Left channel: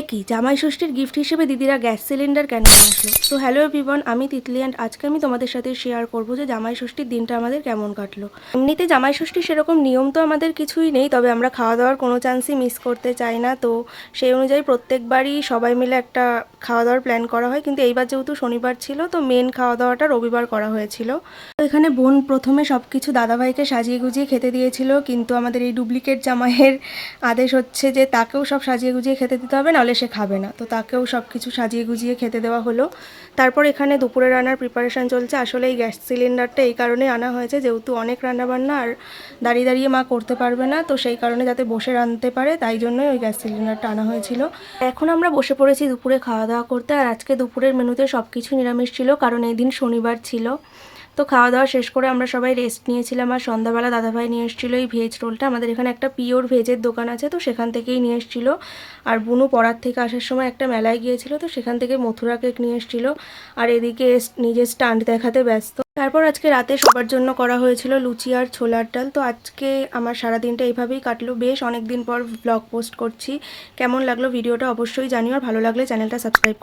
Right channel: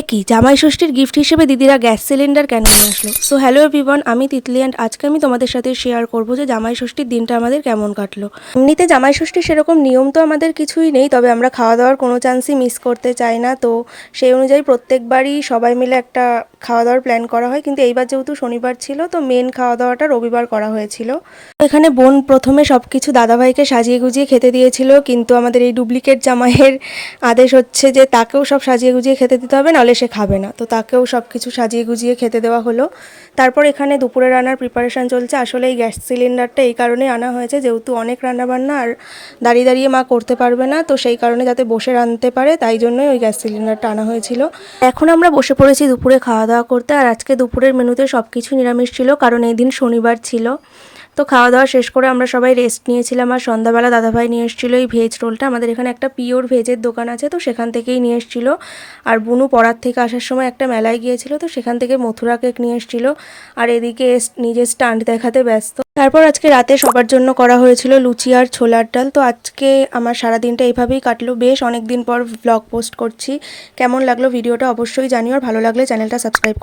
একই জামাই ষষ্ঠীর গিফট হিসেবে দিদিরা গ্যাস সিলিন্ডার কেন নিয়ে আসলো? সো হ্যালো এভরিওয়ান, আমি তিতলি অ্যান্ড আজকে আমি তোমাদের সাথে শেয়ার করবো যে জামাই ষষ্ঠীর দিনটা আমাদের কেমন কাটলো। এমনিতে জামাই ষষ্ঠীর সেরকম নিয়ম তো আমাদের কিছুই নেই, তবে আমরা খাওয়া দাওয়ার কোনো চান্সই মিস করতে চাই না। তো সেই অনুযায়ী প্রত্যেকবারই সবাই মিলে একটা খাওয়া দাওয়ার প্ল্যান করা হয়, কিন্তু এইবার যেহেতু শনিবার ছিল তো মেন খাওয়া দাওয়াটা রবিবার করা হয়েছিল। এখানে বোন প্রথমে সব কিছু দাদাভাইকে সাজিয়ে গুজিয়ে খেতে দিয়েছিল, কিন্তু আমাদের এই ডুপ্লিকেট জামাইয়ের আদেশ হচ্ছে যে তাকেও সব সাজিয়ে গুজিয়ে খেতে দিতে হবে, নাহলে সে খাবে না। তো তাকেও সব কিছু সাজিয়ে গুজিয়ে খেতে দেওয়া হলো। তারপর এখানে দুপুরে রান্নার প্রিপারেশান চলছে। আসলে এই গ্যাস সিলিন্ডারটা এই কারণেই আনা হয়েছে, যেহেতু অনেক রান্নাবান্না আর দাঁড়িয়ে দাঁড়িয়ে মা করতে পারবে না, তো সেই কারণে যাতে বসে রাঁধতে পারে তাই জন্যই ওই গ্যাস সিলিন্ডারটা আনা হয়েছিল। এখন আমরা বসে পড়েছি দুপুরে খাওয়া দাওয়া করতে, আর আজকে দুপুরের মেনুতে সব কিছু নিরামিষ ছিল, কারণ এই দিন শনিবার ছিল। তো খাওয়া দাওয়া শেষ করে আমরা সবাই রেস্ট নিয়েছিলাম, আর সন্ধ্যাবেলা দাদাভাই নিয়ে এসেছিলো এই ভেজ রোলটা। আমাদের এখানে একটা পিওর ভেজের দোকান আছে, তো সেখান থেকেই নিয়ে এসেছিলো। আর বুনু পড়ার থেকে আসার সময় একটা মেলায় গিয়েছিল, তো সেখান থেকে মথুরা কেক নিয়ে এসেছিলো। আর এদিকে নিজের স্টান্ট দেখাতে ব্যস্ত। তারপর আজকে রাতে সবার জন্য করা হয়েছিল লুচি আর ছোলার ডাল। তো আজকে আমার সারাদিনটা এইভাবেই কাটলো। বেশ অনেক দিন পর ব্লগ পোস্ট করছি। কেমন লাগলো ভিডিওটা অবশ্যই জানিও, আর ভালো লাগলে চ্যানেলটা সাবস্ক্রাইব